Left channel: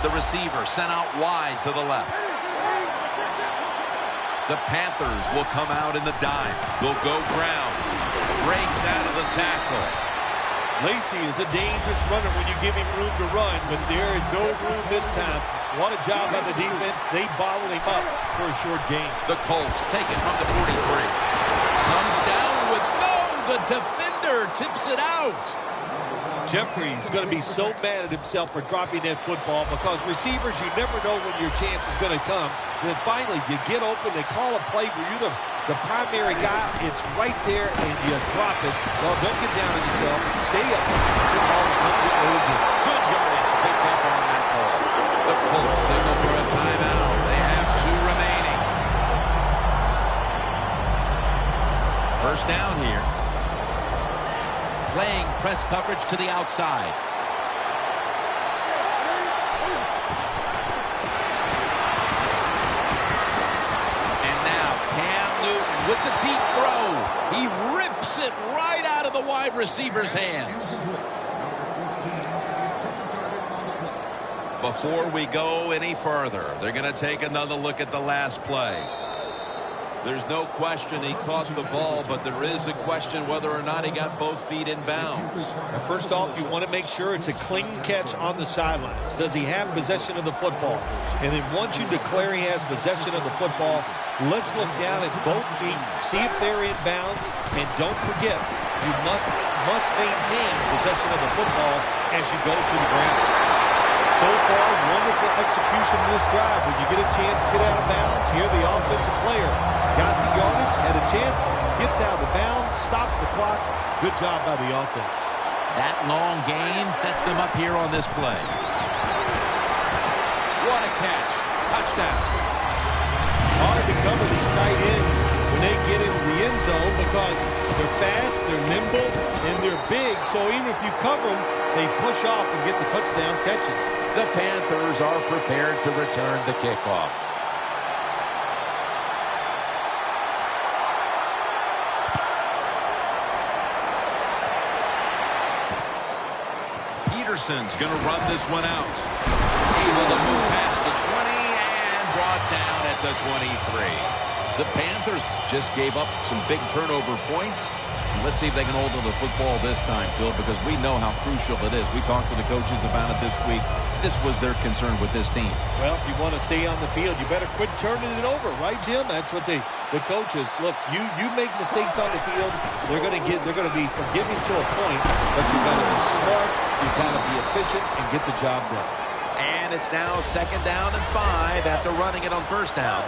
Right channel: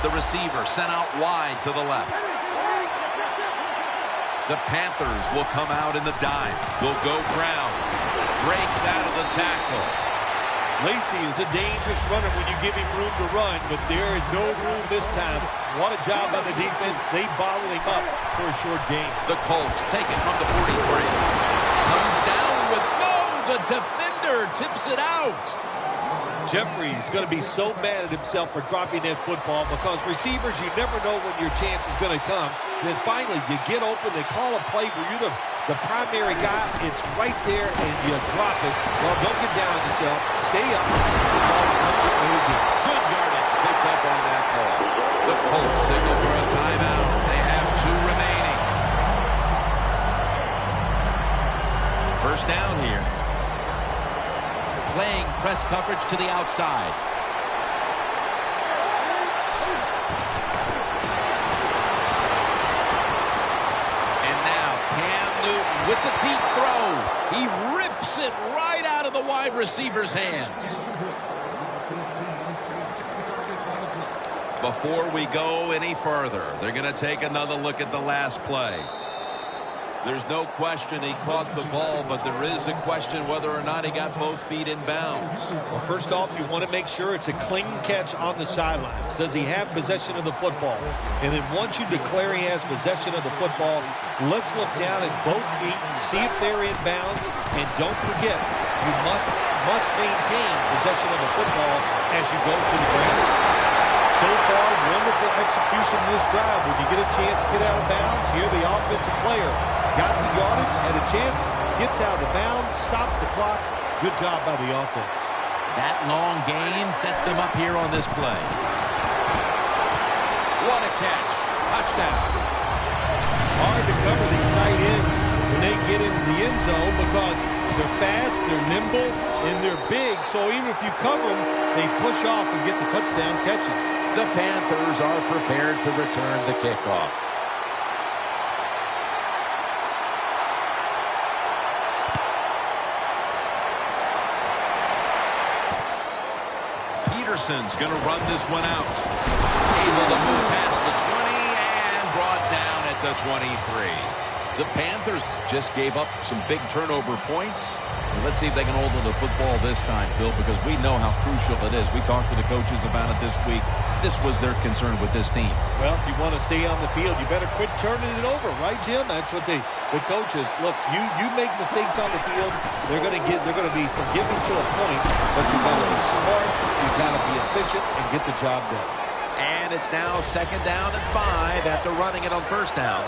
the receiver sent out wide to the left. The Panthers will come out in the dime. They'll go ground. Breaks out of the tackle. Lacy is a dangerous runner when you give him room to run, but there is no room this time. What a job by the defense. They bottle him up for a short gain. The Colts take it from the 43. Comes down with the defender tips it out. Jeffrey's going to be so mad at himself for dropping that football because receivers, you never know when your chance is going to come. Then finally, you get open, they call a play where you're the primary guy. It's right there, and you drop it. Well, don't get down on yourself. Stay up. The ball will come your way again. Good yardage picked up on that call. The Colts signal for a timeout. They have 2 remaining. First down here. Playing press coverage to the outside. And now Cam Newton with the deep throw. He rips it right out of the wide receiver's hands. Before we go any further, they're going to take another look at the last play. There's no question he caught the ball, but there is a question whether or not he got both feet in bounds. Well, first off, you want to make sure it's a clean catch on the sidelines. Does he have possession of the football? And then once you declare he has possession of the football, let's look down at both feet, see if they're in bounds, and don't forget, you must maintain possession of the football as you go to the ground. So far, wonderful execution in this drive. When you get a chance to get out of bounds, here the offensive player got the yardage, had a chance, gets out of the bounds, stops the clock. Good job by the offense. That long gain sets them up here on this play. What a catch. Touchdown. Hard to cover these tight ends when they get into the end zone because they're fast, they're nimble, and they're big. So even if you cover them, they push off and get the touchdown catches. The Panthers are prepared to return the kickoff. Peterson's going to run this one out. Able to move past the 20 and brought down at the 23. The Panthers just gave up some big turnover points. Let's see if they can hold on to the football this time, Phil, because we know how crucial it is. We talked to the coaches about it this week. This was their concern with this team. Well, if you want to stay on the field, you better quit turning it over, right, Jim? That's what the coaches look. You make mistakes on the field, they're going to be forgiving to a point, but you got to be smart, you got to be efficient, and get the job done. And it's now 2nd down and 5 after running it on 1st down.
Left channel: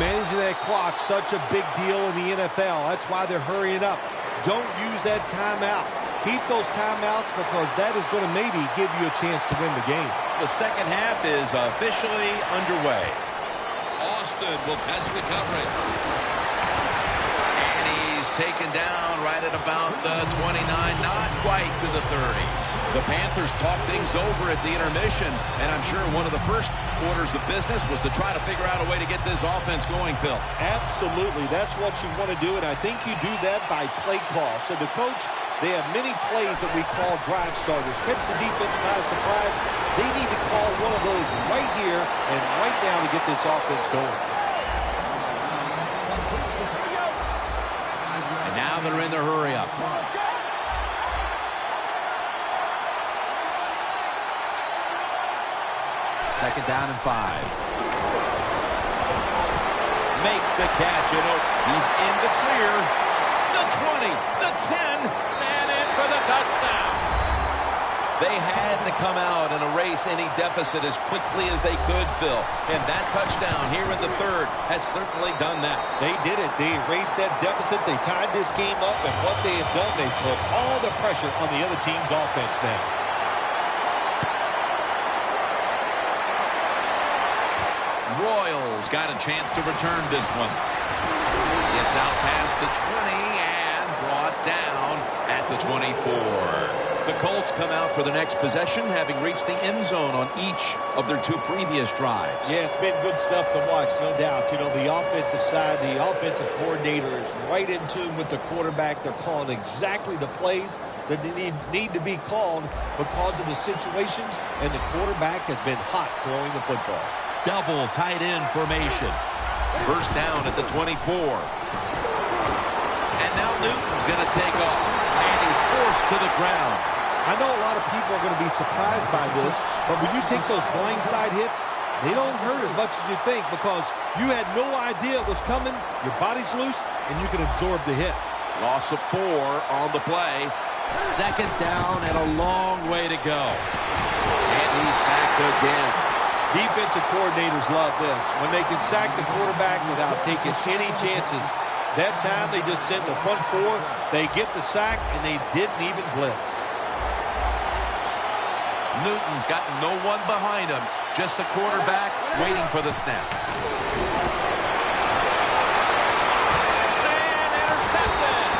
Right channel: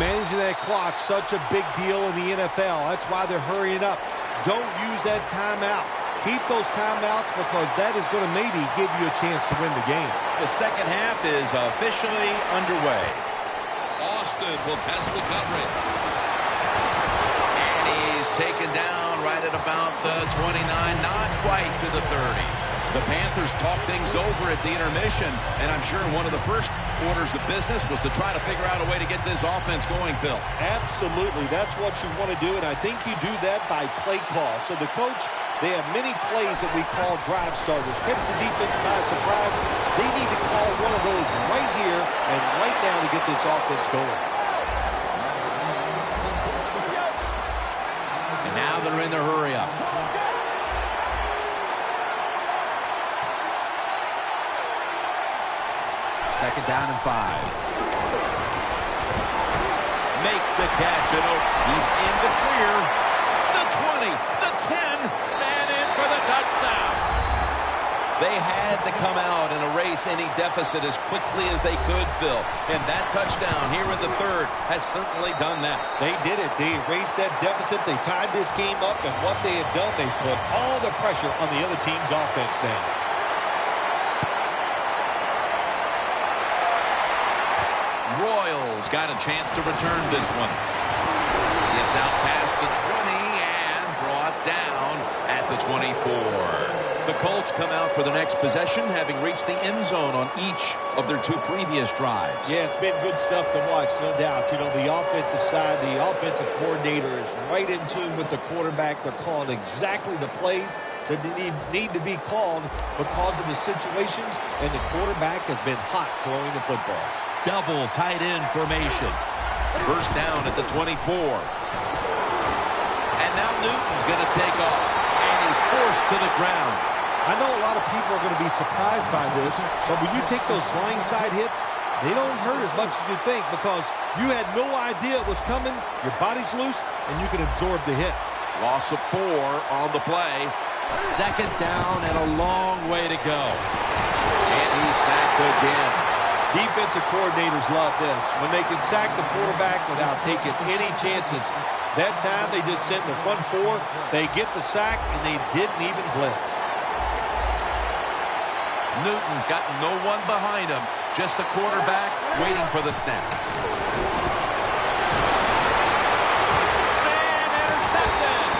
Managing that clock, such a big deal in the NFL. That's why they're hurrying up. Don't use that timeout. Keep those timeouts because that is going to maybe give you a chance to win the game. The second half is officially underway. Austin will test the coverage. And he's taken down right at about the 29, not quite to the 30. The Panthers talk things over at the intermission, and I'm sure one of the first orders of business was to try to figure out a way to get this offense going, Phil. Absolutely. That's what you want to do, and I think you do that by play call. So the coach, they have many plays that we call drive starters. Catch the defense by surprise. They need to call one of those right here and right now to get this offense going. And now they're in the hurry-up. 2nd down and 5. Makes the catch, and he's in the clear. The 20, the 10, and in for the touchdown. They had to come out and erase any deficit as quickly as they could, Phil. And that touchdown here in the 3rd has certainly done that. They did it. They erased that deficit. They tied this game up, and what they have done, they put all the pressure on the other team's offense now. Royals got a chance to return this one. Gets out past the 20 and brought down at the 24. The Colts come out for the next possession, having reached the end zone on each of their 2 previous drives. Yeah, it's been good stuff to watch, no doubt. You know, the offensive side, the offensive coordinator is right in tune with the quarterback. They're calling exactly the plays that they need to be called because of the situations, and the quarterback has been hot throwing the football. Double tight end formation. First down at the 24. And now Newton's going to take off, and he's forced to the ground. I know a lot of people are going to be surprised by this, but when you take those blindside hits, they don't hurt as much as you think because you had no idea it was coming, your body's loose, and you can absorb the hit. Loss of 4 on the play. Second down and a long way to go. And he's sacked again. Defensive coordinators love this. When they can sack the quarterback without taking any chances. That time they just sent the front 4, they get the sack, and they didn't even blitz. Newton's got no one behind him, just a quarterback waiting for the snap. And intercepted!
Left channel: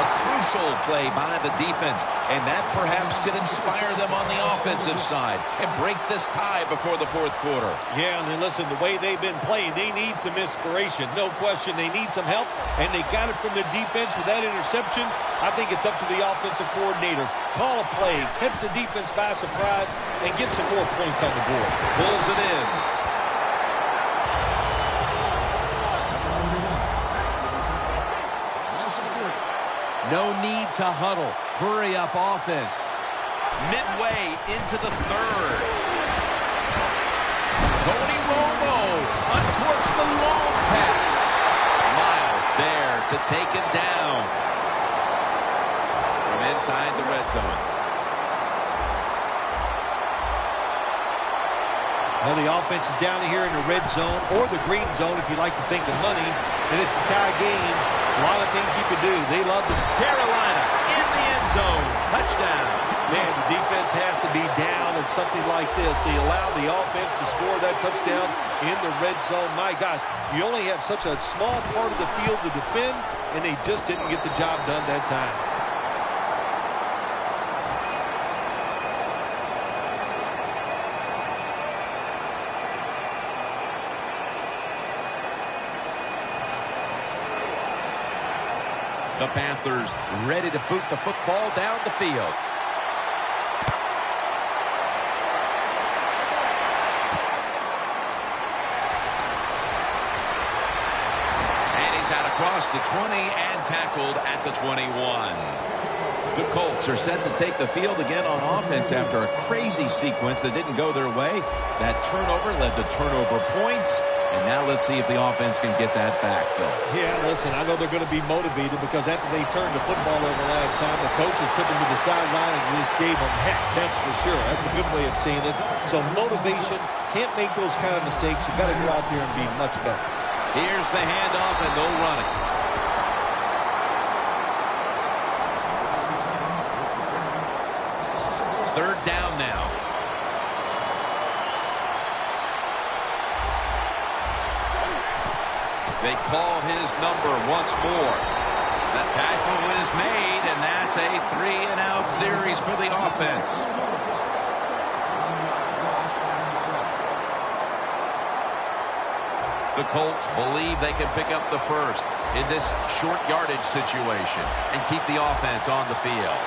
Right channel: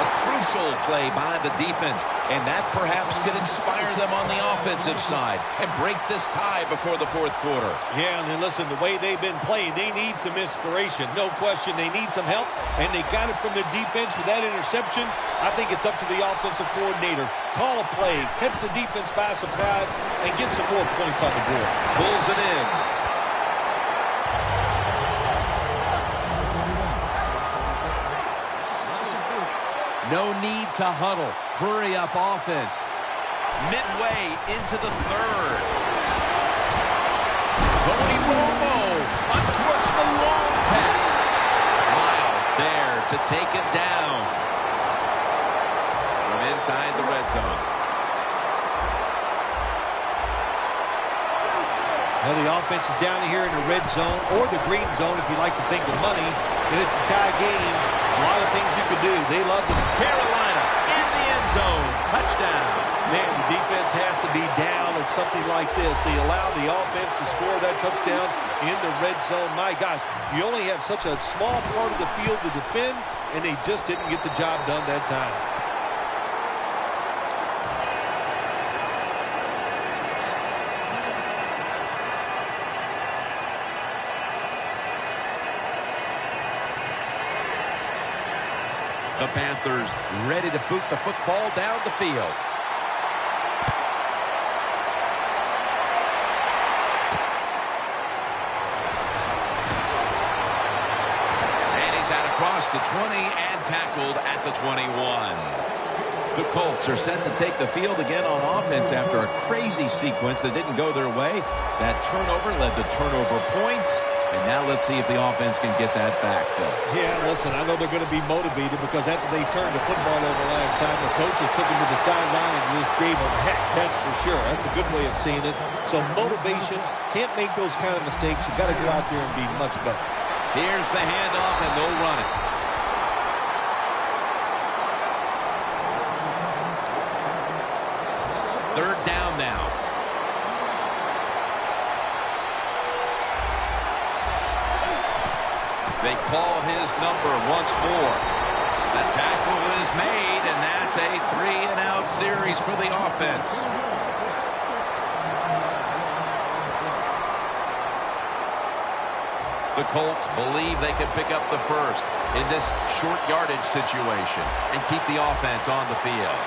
A crucial play by the defense, and that perhaps could inspire them on the offensive side and break this tie before the 4th quarter. Yeah, and then listen, the way they've been playing, they need some inspiration. No question, they need some help, and they got it from the defense with that interception. I think it's up to the offensive coordinator. Call a play, catch the defense by surprise, and get some more points on the board. Pulls it in. No need to huddle. Hurry up offense. Midway into the 3rd. Tony Romo uncorks the long pass. Miles there to take him down. From inside the red zone. Well, the offense is down here in the red zone or the green zone if you like to think of money. And it's a tie game. A lot of things you could do. They love the Carolina in the end zone. Touchdown. Man, the defense has to be down at something like this. They allow the offense to score that touchdown in the red zone. My gosh, you only have such a small part of the field to defend, and they just didn't get the job done that time. The Panthers ready to boot the football down the field. And he's out across the 20 and tackled at the 21. The Colts are set to take the field again on offense after a crazy sequence that didn't go their way. That turnover led to turnover points. And now let's see if the offense can get that back, Phil. Yeah, listen, I know they're going to be motivated because after they turned the football over last time, the coaches took them to the sideline and just gave them heck, that's for sure. That's a good way of seeing it. So motivation, can't make those kind of mistakes. You got to go out there and be much better. Here's the handoff, and they'll run it. Third down now. They call his number once more. The tackle is made, and that's a 3-and-out series for the offense. The Colts believe they can pick up the first in this short yardage situation and keep the offense on the field.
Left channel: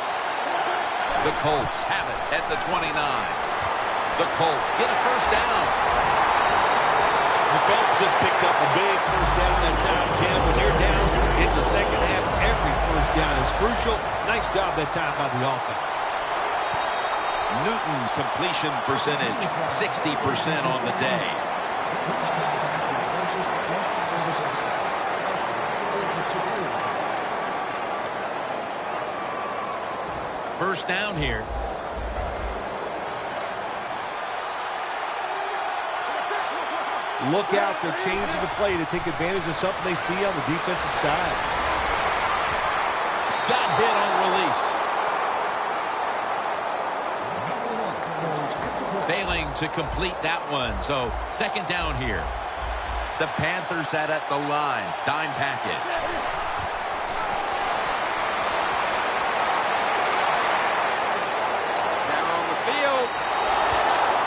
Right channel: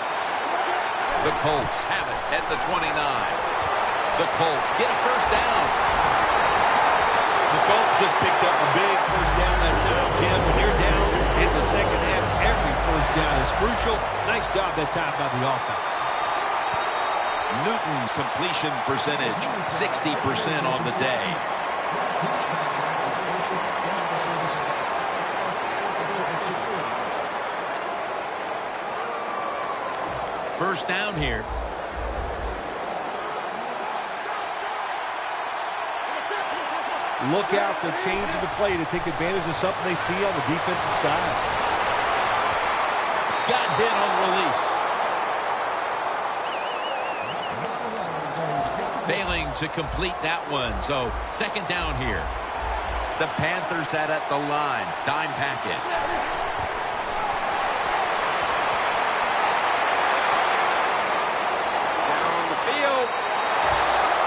The Colts have it at the 29. The Colts get a first down. The Colts just picked up a big first down that time, Jim. When you're down in the second half, every first down is crucial. Nice job that time by the offense. Newton's completion percentage, 60% on the day. First down here. Look out, they're changing the play to take advantage of something they see on the defensive side. Got hit on release. Failing to complete that one, so second down here. The Panthers set at the line. Dime package.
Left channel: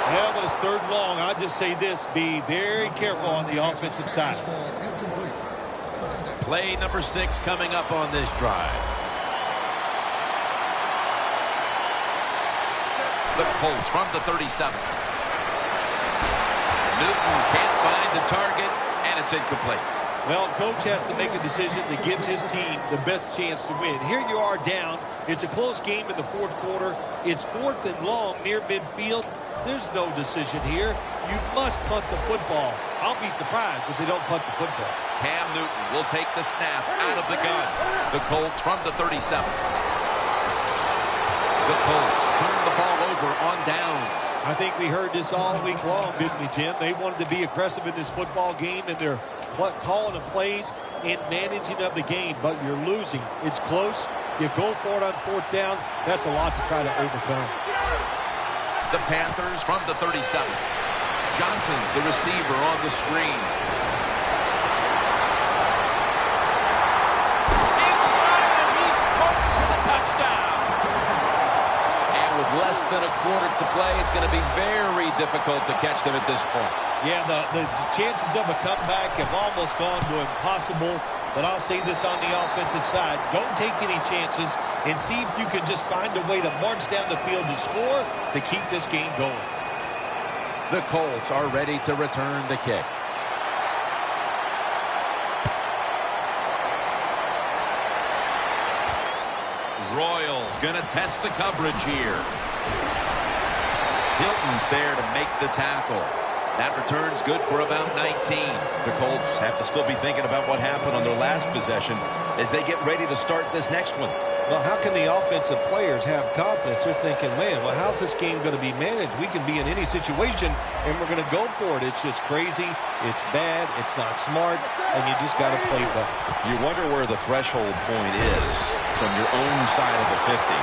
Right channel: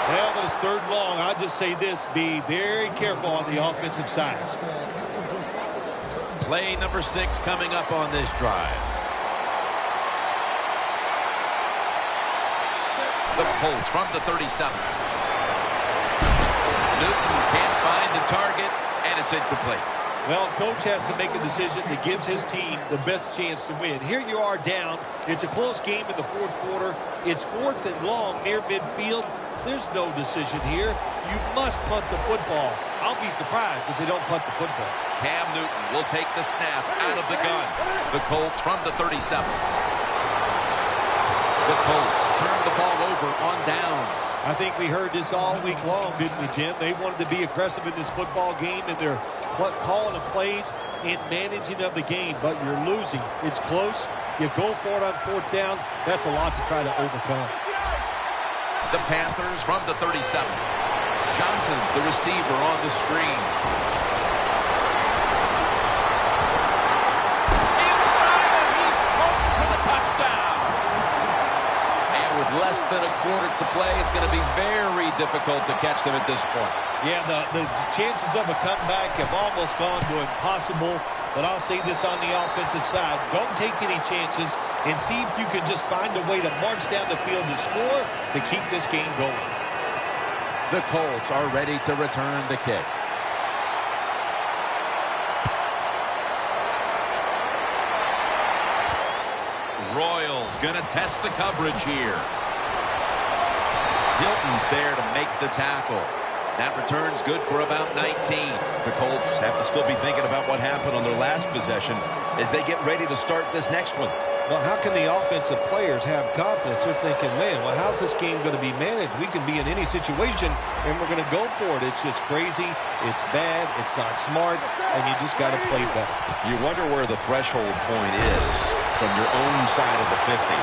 Well, when it's 3rd and long, I'll just say this. Be very careful on the offensive side. Play number 6 coming up on this drive. The Colts from the 37. Newton can't find the target, and it's incomplete. Well, coach has to make a decision that gives his team the best chance to win. Here you are down. It's a close game in the 4th quarter. It's 4th and long near midfield. There's no decision here. You must punt the football. I'll be surprised if they don't punt the football. Cam Newton will take the snap out of the gun. The Colts from the 37. The Colts turn the ball over on downs. I think we heard this all week long, didn't we, Jim? They wanted to be aggressive in this football game, and they're calling the plays and managing of the game, but you're losing. It's close. You go for it on 4th down. That's a lot to try to overcome. The Panthers from the 37. Johnson's the receiver on the screen. Inside, and he's home for the touchdown. And with less than a quarter to play, it's going to be very difficult to catch them at this point. Yeah, the chances of a comeback have almost gone to impossible. But I'll say this on the offensive side. Don't take any chances and see if you can just find a way to march down the field to score to keep this game going. The Colts are ready to return the kick. Royals going to test the coverage here. Hilton's there to make the tackle. That return's good for about 19. The Colts have to still be thinking about what happened on their last possession as they get ready to start this next one. Well, how can the offensive players have confidence? They're thinking, man, well, how's this game going to be managed? We can be in any situation, and we're going to go for it. It's just crazy. It's bad. It's not smart, and you just got to play better. You wonder where the threshold point is from your own side of the 50.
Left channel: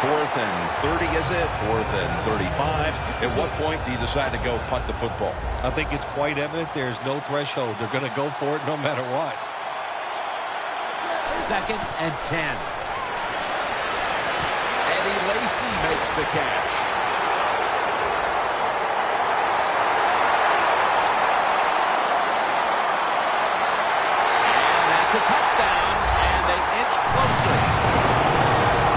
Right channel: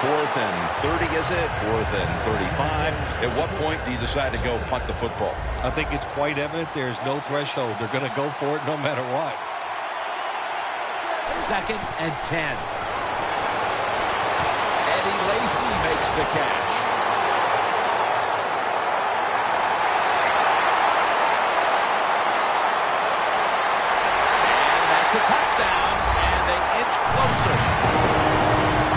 4th and 30, is it? 4th and 35. At what point do you decide to go punt the football? I think it's quite evident there's no threshold. They're going to go for it no matter what. 2nd and 10. Eddie Lacy makes the catch. And that's a touchdown, and they inch closer.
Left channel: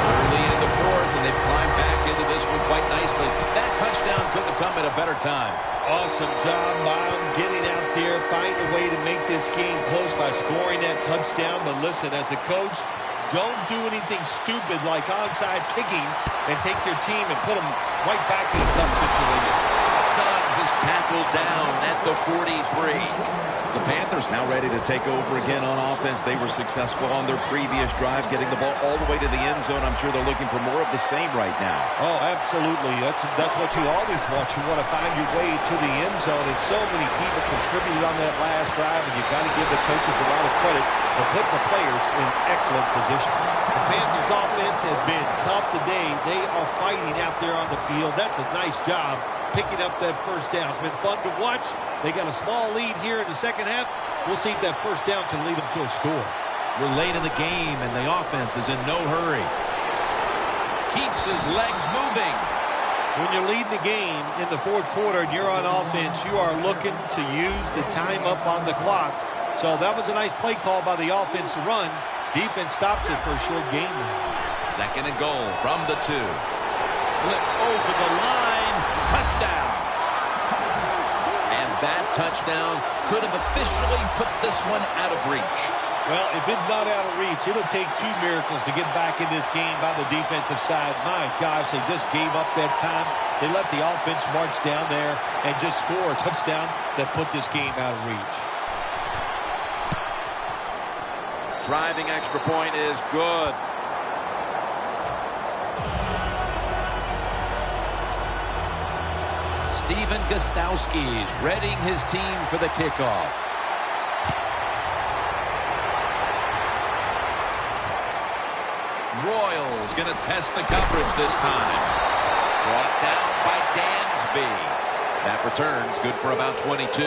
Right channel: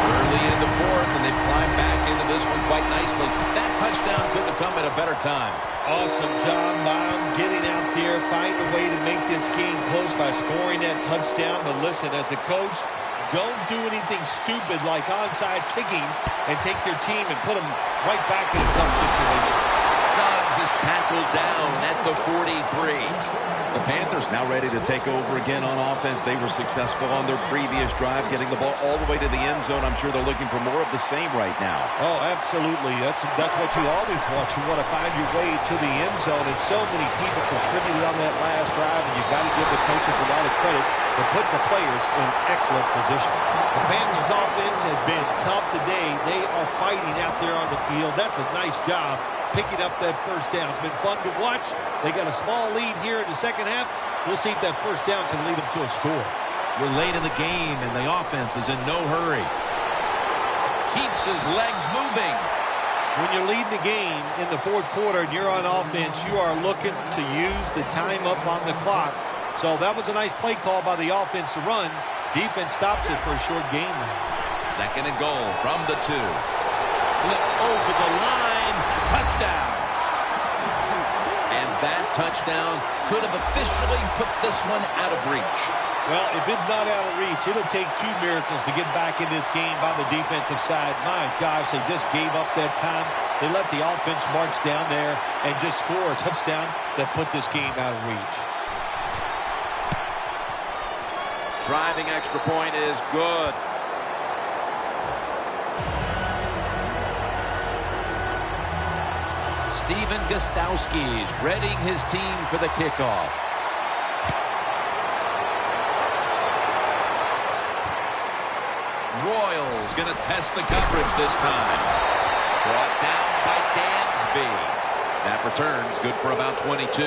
Early in the 4th, and they've climbed back into this one quite nicely. That touchdown couldn't have come at a better time. Awesome job by them getting out there, finding a way to make this game close by scoring that touchdown. But listen, as a coach, don't do anything stupid like onside kicking and take your team and put them right back in a tough situation. Suggs is tackled down at the 43. The Panthers now ready to take over again on offense. They were successful on their previous drive, getting the ball all the way to the end zone. I'm sure they're looking for more of the same right now. Oh, absolutely. That's what you always want. You want to find your way to the end zone, and so many people contributed on that last drive, and you've got to give the coaches a lot of credit for putting the players in excellent position. The Panthers' offense has been tough today. They are fighting out there on the field. That's a nice job picking up that 1st down. It's been fun to watch. They got a small lead here in the 2nd half. We'll see if that 1st down can lead them to a score. We're late in the game, and the offense is in no hurry. Keeps his legs moving. When you're leading the game in the 4th quarter and you're on offense, you are looking to use the time up on the clock. So that was a nice play call by the offense to run. Defense stops it for a short game now. 2nd and goal from the 2. Flip over the line. Touchdown. And that touchdown could have officially put this one out of reach. Well, if it's not out of reach, it'll take 2 miracles to get back in this game by the defensive side. My gosh, they just gave up that time. They let the offense march down there and just score a touchdown that put this game out of reach. Driving extra point is good. Steven Gostowski's readying his team for the kickoff. Royals going to test the coverage this time. Brought down by Dansby. That return's good for about 22.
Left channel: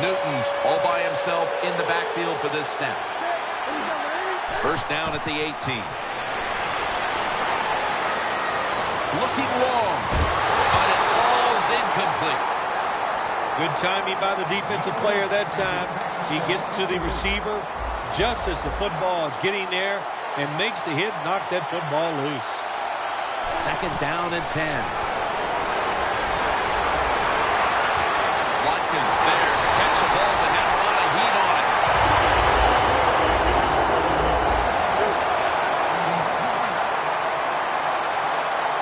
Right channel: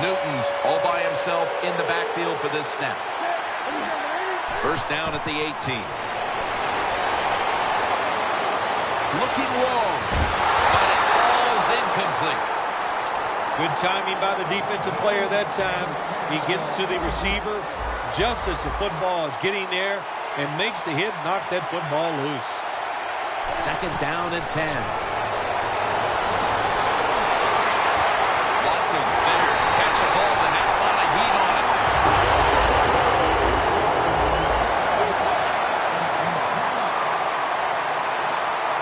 Newton's all by himself in the backfield for this snap. First down at the 18. Looking long, but it falls incomplete. Good timing by the defensive player that time. He gets to the receiver just as the football is getting there and makes the hit, knocks that football loose. Second down and 10. Watkins there to catch a ball that had a lot of heat on it.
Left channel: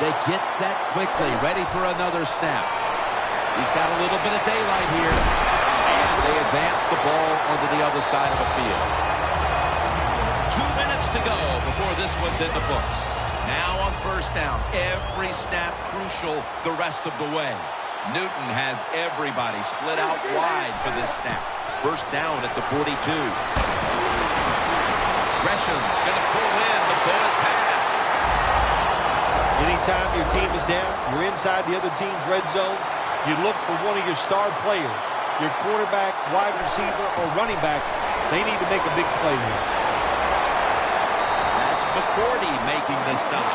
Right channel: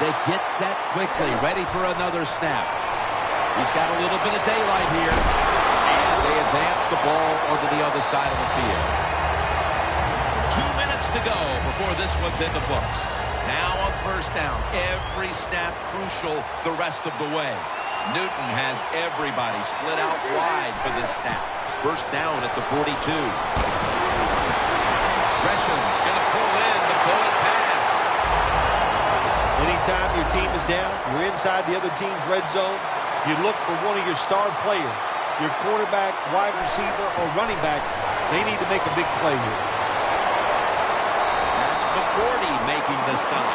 They get set quickly, ready for another snap. He's got a little bit of daylight here. And they advance the ball onto the other side of the field. 2 minutes to go before this one's in the books. Now on first down, every snap crucial the rest of the way. Newton has everybody split out wide for this snap. First down at the 42. Gresham's going to pull in the bullet pass. Anytime your team is down, you're inside the other team's red zone, you look for one of your star players, your quarterback, wide receiver, or running back. They need to make a big play here. That's McCourty making the stop.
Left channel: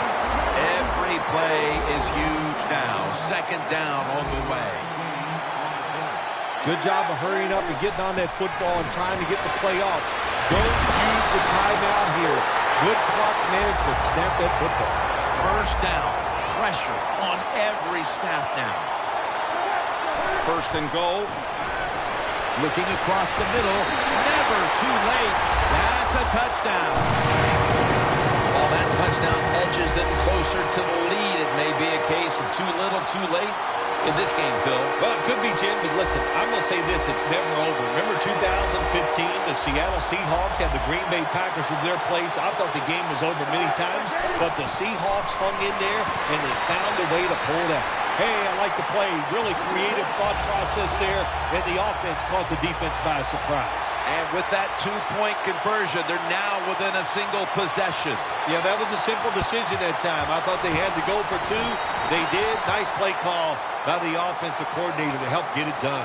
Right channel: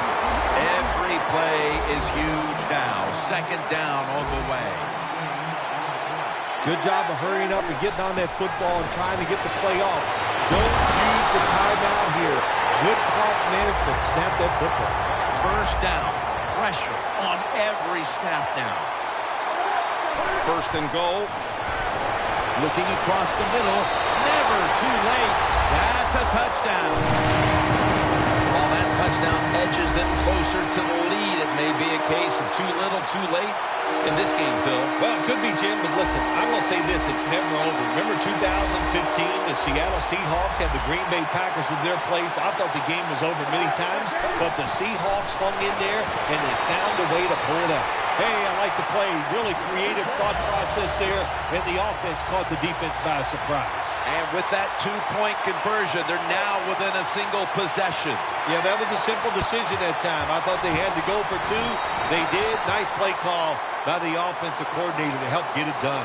Every play is huge now. Second down on the way. Good job of hurrying up and getting on that football and trying to get the play off. Don't use the timeout here. Good clock management. Snap that football. First down. Pressure on every snap now. First and goal. Looking across the middle. Never too late. That's a touchdown. All that touchdown edges them closer to the lead. It may be a case of too little, too late in this game, Phil. Well, it could be, Jim, but listen, I'm going to say this. It's never over. Remember 2015, the Seattle Seahawks had the Green Bay Packers in their place. I thought the game was over many times, but the Seahawks hung in there, and they found a way to pull it out. Hey, I like the play. Really creative thought process there, and the offense caught the defense by surprise. And with that two-point conversion, they're now within a single possession. Yeah, that was a simple decision that time. I thought they had to go for two. They did. Nice play call by the offensive coordinator to help get it done.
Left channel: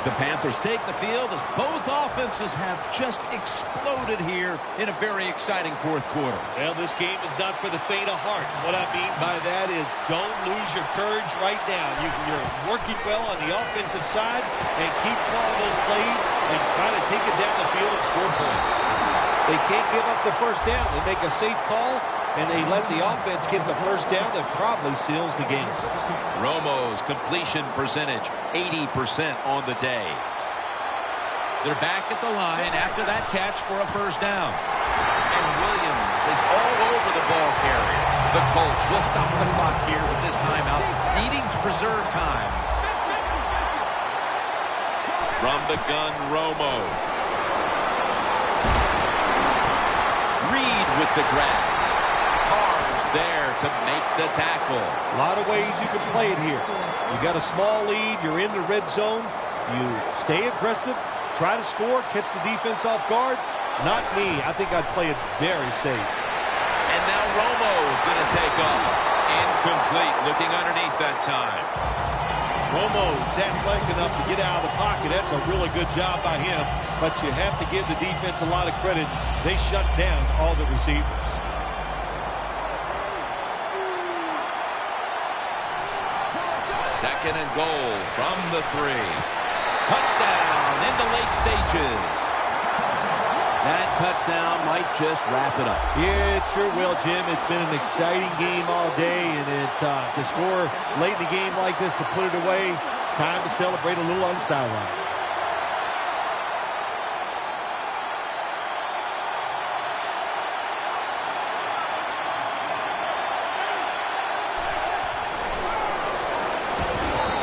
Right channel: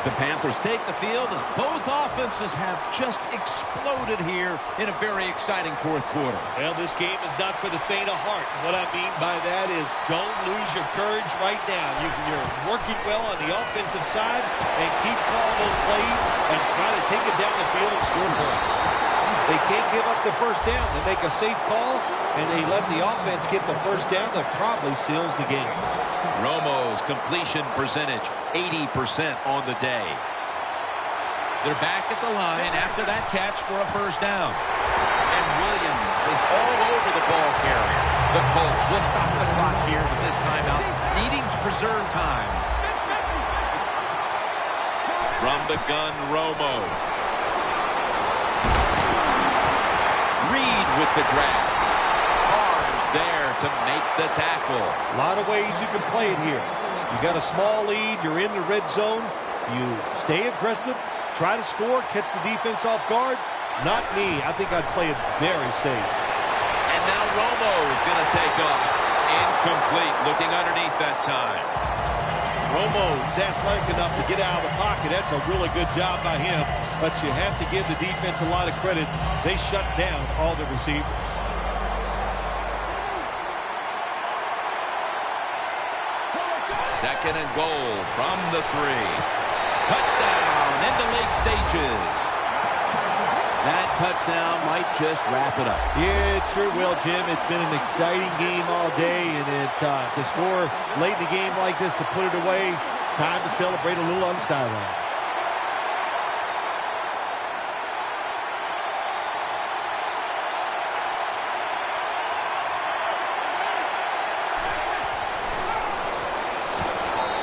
The Panthers take the field as both offenses have just exploded here in a very exciting fourth quarter. Well, this game is not for the faint of heart. What I mean by that is don't lose your courage right now. You're working well on the offensive side and keep calling those plays and try to take it down the field and score points. They can't give up the first down. They make a safe call, and they let the offense get the first down that probably seals the game. Romo's completion percentage, 80% on the day. They're back at the line after that catch for a first down. And Williams is all over the ball carrier. The Colts will stop the clock here with this timeout, needing to preserve time. From the gun, Romo. Reed with the grab. There to make the tackle. A lot of ways you can play it here. You got a small lead. You're in the red zone. You stay aggressive, try to score, catch the defense off guard. Not me. I think I'd play it very safe. And now Romo's going to take off. Incomplete. Looking underneath that time. Romo's athletic enough to get out of the pocket. That's a really good job by him. But you have to give the defense a lot of credit. They shut down all the receivers. Second and goal from the 3. Touchdown in the late stages. That touchdown might just wrap it up. Yeah, it sure will, Jim. It's been an exciting game all day, and to score late in the game like this, to put it away, it's time to celebrate a little on the sideline.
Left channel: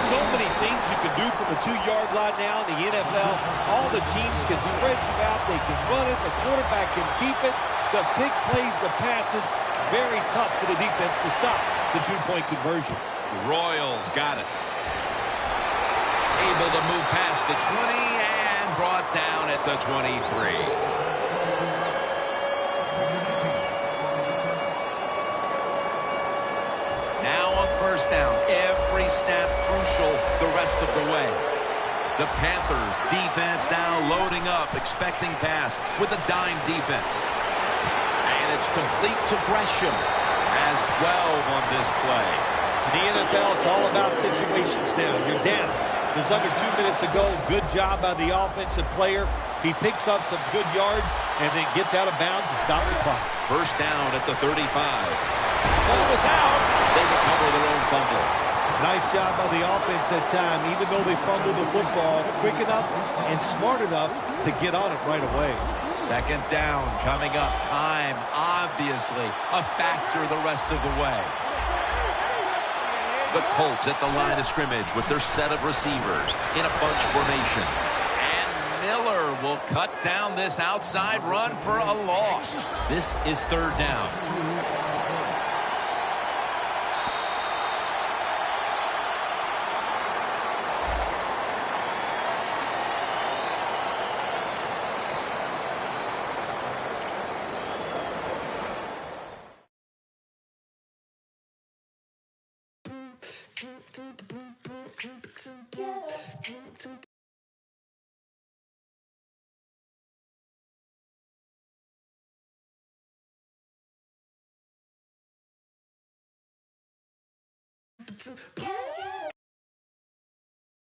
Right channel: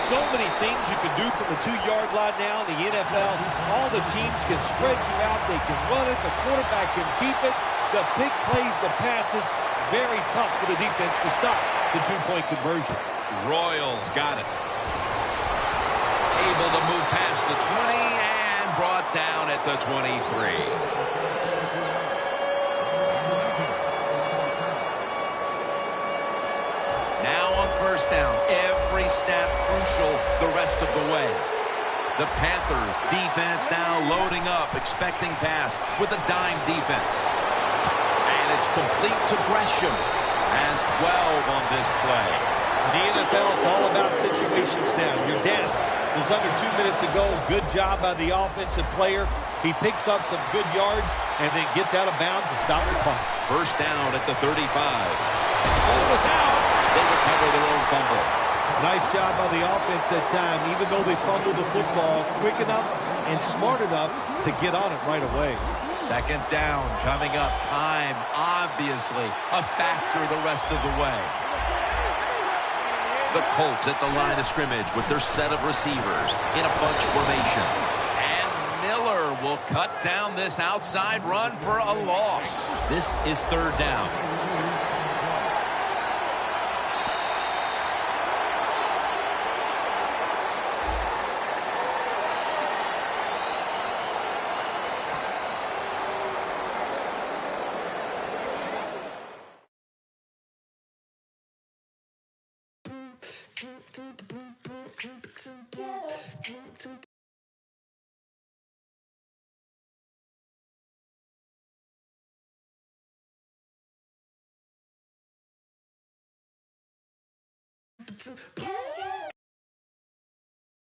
So many things you can do from the 2-yard line now in the NFL. All the teams can spread you out. They can run it. The quarterback can keep it. The big plays, the passes, very tough for the defense to stop the two-point conversion. Royals got it. Able to move past the 20 and brought down at the 23. Now on first down, every snap crucial the rest of the way. The Panthers defense now loading up, expecting pass with a dime defense. And it's complete to Gresham. Has 12 on this play. In the NFL, it's all about situations now. You're down. There's under 2 minutes to go. Good job by the offensive player. He picks up some good yards and then gets out of bounds and stops the clock. First down at the 35. Ball was out. They recover their own fumble. Nice job by the offense that time, even though they fumbled the football quick enough and smart enough to get on it right away. Second down coming up. Time, obviously, a factor the rest of the way. The Colts at the line of scrimmage with their set of receivers in a bunch formation. And Miller will cut down this outside run for a loss. This is third down.